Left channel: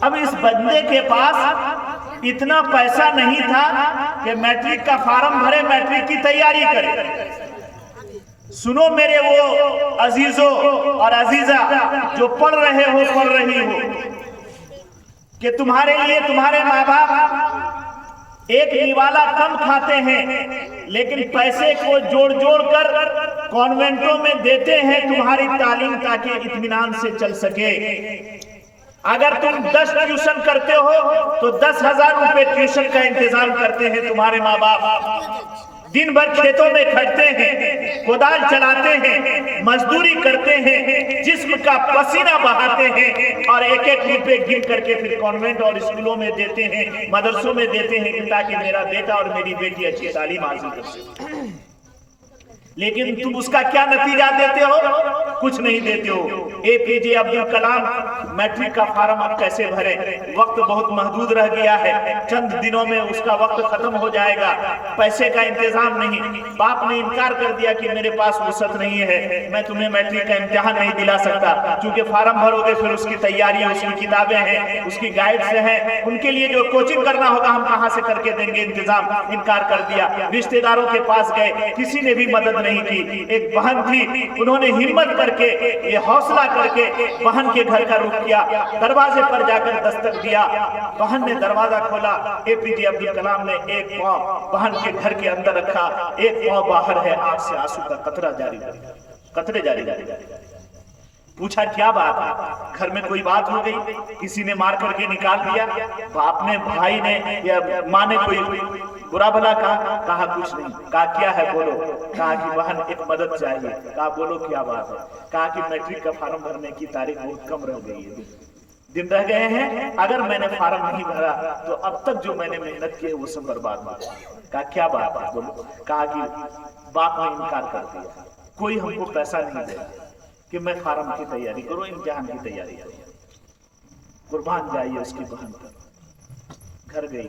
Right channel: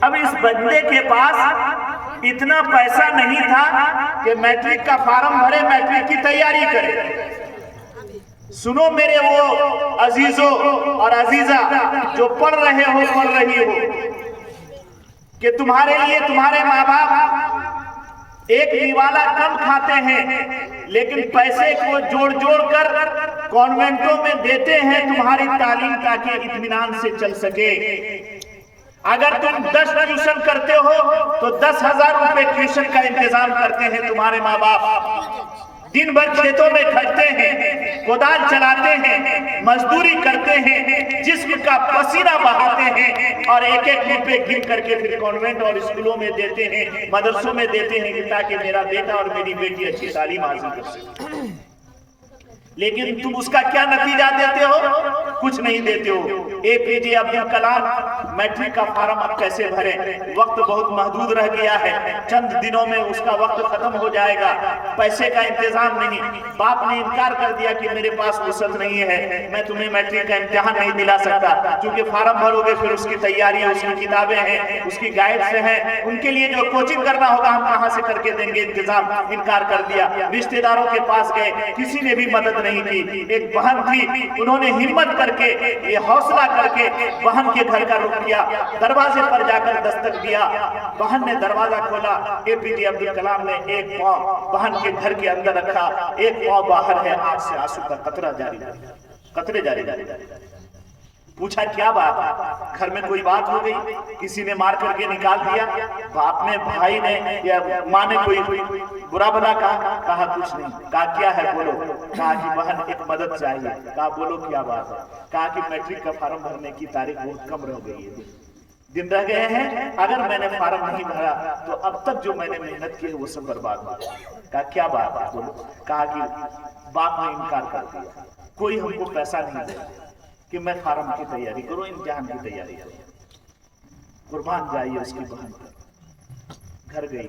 اب اس بندے کے پاس اتنا پیسہ نہیں تھا کہ میٹرک کا فارم بھرے، میٹرک کی تیاری کرے۔ سنو میرے وہ عزیزوں اور عزیزہ جو پڑھ رہے ہو، پڑھ رہی ہو، کہ تمہارے لیے تمہارے ماں باپ ایک نوالا کم کھاتے ہیں، لیکن پیسے کو جوڑ جوڑ کر کانوینٹوں میں دیتے ہیں تمہاری تعلیم تاکہ اطمینان سے چل سکے۔ اگر تم 10 ٹیوشن کرتے ہو تو 10,000 روپے ٹیوشن کا انتظام کرتے ہیں تمہارے ماں باپ۔ دن بھر کھیتوں میں کھٹتے ہیں، کودال چلاتے ہیں، مزدوری کرتے ہیں، جسم کا پسینہ بہاتے ہیں، اور ایک ایک روپے گن کر کے پھر کانوینٹ اور اسکولوں میں دیتے ہیں، مدرسوں میں دیتے ہیں کہ تاکہ میرا بیٹا اور میری بیٹی اچھی تعلیم حاصل کر سکے۔ لیکن تم اس کا کیا نتیجہ دیتے ہو؟ کچھ نہیں دیتے ہو۔ APJ عبد الکلام میٹرک کا فارم اب کیسے بھریں؟ وقت بہت محدود رہ گیا ہے، چند دنوں میں اس کا وقت ختم ہو جائے گا، پیسے کا انتظام نہیں۔ باپ نے انکار کر دیا کہ میرے پاس وسعت نہیں ہے، میں تمہیں میٹرک کا امتحان نہیں دلا سکتا، کیونکہ فارم بھرو گے پھر اس کی تیاری، اس کی کتابیں ہیں، اس کی گائیڈز ہیں، ان کے لیے جو کوچنگ کرنا ہوگا ہم کہاں سے کر کے دیں گے انتظام۔ انکار کر دیا۔ رشتہ داروں کے پاس گئے، کسی نے بھی مدد نہیں کی۔ ایک بہن تھی، انہوں نے ہمت کر کے، یہ حوصلہ کر کے بہن کے گھر کا رخ کیا، دروازے پر جا کر دستک دیا۔ بہن نے دروازہ کھولا، APJ عبد الکلام نے ایک پاؤں بہن کے گھر کے اندر رکھا، ایک پاؤں باہر ہے، آنکھ سے آنسو کا قطرہ جاری رہا، قطرے جاری رہا۔ پوچھا کیا بات ہے؟ گھر میں کوئی بات ہو گئی؟ کسی نے مار کر کے نکال دیا؟ باپ نے، بھائی نے یا ماں نے کوئی برا بھلا کہا؟ کہا کچھ نہیں۔ کہا کیا ہے بولو؟ کہا کہ بہن ایک مدد چاہیے۔ کہا بولو کیا بات ہے؟ کہا کہ میٹرک کا فارم بھرنے کی تاریخ بہت کم رہ گئی ہے، دن رہ گئے ہیں، اگر میں نے فارم نہیں بھرا تو اب تک جو میں نے محنت کی ہے وہ سب برباد ہو گئی۔ کہا کیا بات ہے بولو؟ کہا کہ باپ نے انکار کر دیا، کوئی ہم کو پیسہ نہیں دے کہ میں فارم کی تیاری کروں، امتحان کی تیاری کروں۔ قربان جائیے اس کی بہن پر۔ گھر گئی،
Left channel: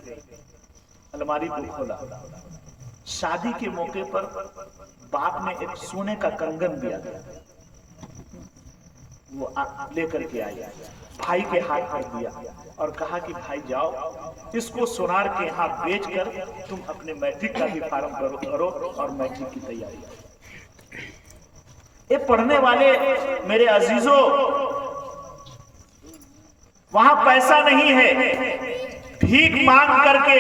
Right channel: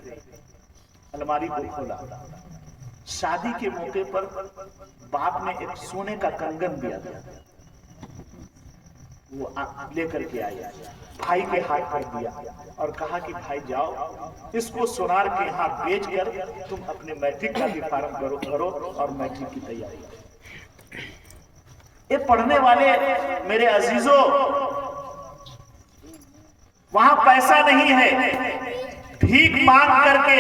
الماری کو کھولا، شادی کے موقع پر باپ نے ایک سونے کا کنگن دیا تھا، وہ لے کر کے آیا، بھائی کے ہاتھ پر دیا اور کہا کہ بھائی جاؤ اس کو سونار کے یہاں بیچ کر تم اپنے میٹرک کا بھی فارم بھرو اور میٹرک کی تیاری کرو۔ پڑھنے والے میرے عزیزوں، وہاں پیسہ نہیں ہے، بھیک مانگ کر کے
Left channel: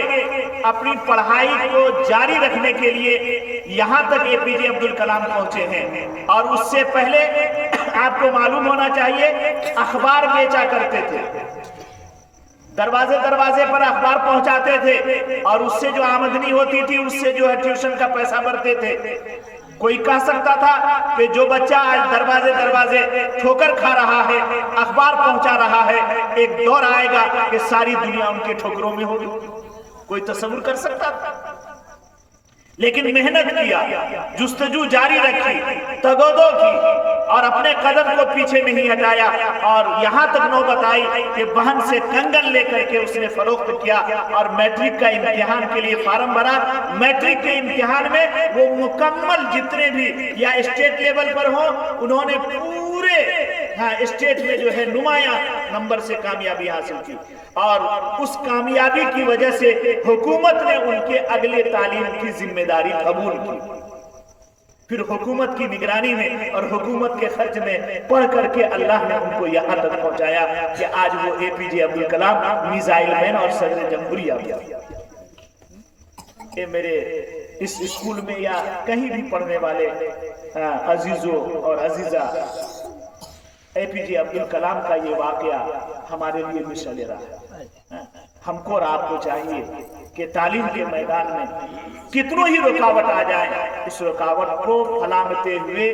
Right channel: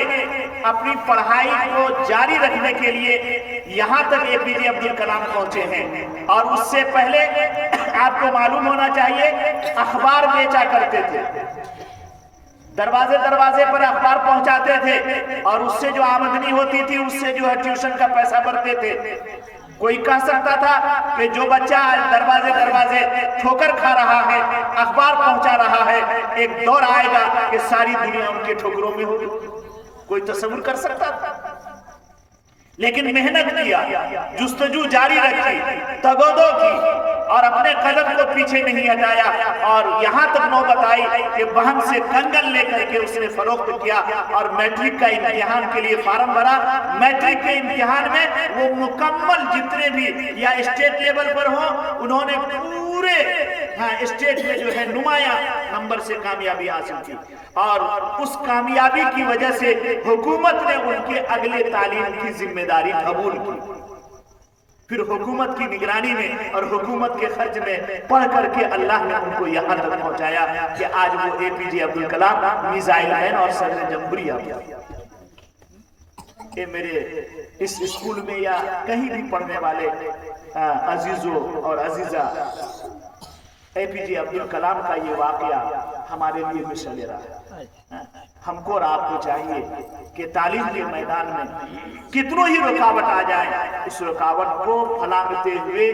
اپنی پڑھائی کو جاری رکھنے کے لیے یہاں تک APJ عبد الکلام پہنچے ہیں۔ اور اس سے پہلے آپ کو معلوم ہونا چاہیے، اخبار بیچا کرتے تھے، دروازے دروازے پر اخبار پہنچاتے تھے، اور اس سے جو آمدنی ہوتی تھی اس سے جو ہے ٹیوشن کا پیسہ بھرتے تھے۔ کوئی کہہ سکتا تھا کہ جو بچہ آج دروازے دروازے ٹھوکر کھا رہا ہے، اخبار پہنچا رہا ہے، ایک دور آئے گا کہ ساری دنیا ان کے ٹھوکروں میں ہوگی۔ کوئی تصور کر سکتا تھا؟ لیکن محنت کیا، جستجو جاری رکھی، تگودو کی، اور اپنے قدم کو پیچھے نہیں ہٹایا، اور یہاں تک نوبت آئی کہ بہن سے کنگن لے کر کے اس نے فروخت کیا اور میٹرک کا امتحان کے لیے فارم بھرا۔ میٹرک کے امتحان میں وہ مکمل جتنے بھی یا اسٹیٹ لیول پر ہوں، انہوں نے پورے اسٹیٹ میں جو ہے نمایاں نمبر سے کامیابی حاصل کی، اور اس کامیابی کی وجہ سے حکومت نے ان کے اگلے تعلیم کی ذمہ داری قبول کی۔ پھر حکومت کی نگرانی میں اور حکومت کے خرچ میں پڑھ کر کے اللہ نے ان کو یہاں تک پہنچایا کہ آج وہ APJ Abdul Kalam missile man اور صدر جمہوریہ ہیں۔ کہ میرے اس اسکول میں یا کہیں بھی پڑھنے والے عزیزوں اور عزیزہ، APJ عبد الکلام کا یہ واقعہ ہمارے لیے مشعل راہ ہے۔ ہم کو اور آپ کو چاہیے کہ تعلیم کے میدان میں کتنوں ہی رکاوٹ آ جائے، اس رکاوٹ کو پھلانگتے ہوئے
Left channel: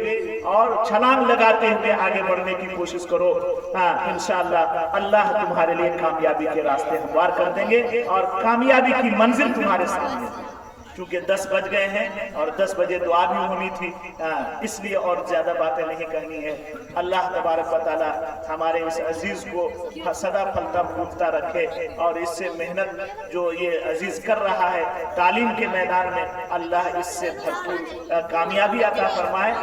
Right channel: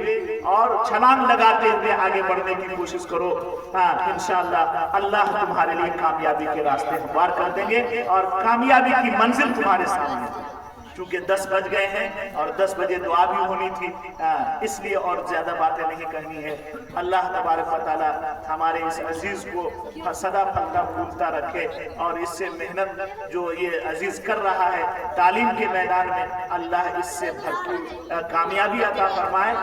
اور چھلانگ لگاتے ہوئے آگے بڑھنے کی کوشش کرو۔ انشاءاللہ اللہ تمہارے لیے کامیابی کے راستے ہموار کر دیں گے اور کامیابی کی منزل تمہارے سامنے ہے۔ چونکہ 10 بج گئے ہیں اور 10 بجے دعا بھی ہونی تھی، اس لیے اور زیادہ باتیں نہیں کہنی ہے۔ اللہ تبارک و تعالی ہمارے اس عزیز کو سدا پھلتا پھولتا رکھے، اور اس سے محنت جو یہ عزیز کر رہا ہے تعلیم کے میدان میں، اللہ اس سے بھرپور کامیابی عطا فرمائے،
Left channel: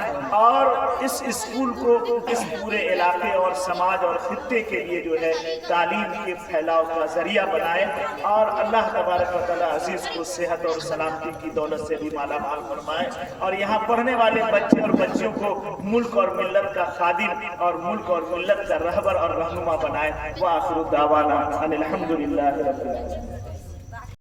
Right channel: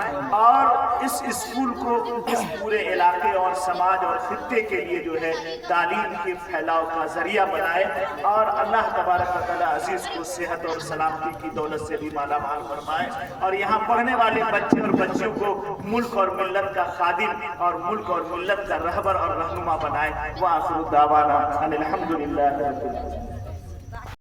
اور اس اسکول کو اس پورے علاقے اور سماج اور خطے کے لیے جو ہے تعلیم کے پھیلاؤ کا ذریعہ بنائے، اور اللہ تبارک و تعالی عزیز کو صحت اور سلامتی کی دولت سے بھی مالا مال فرمائے، اور یہاں پڑھنے والے بچے اور بچیوں کو ملک اور ملت کا خادم اور ملک اور ملت کا رہبر اور رہنما بنائے۔ وآخر دعوانا ان الحمد للہ رب العالمین۔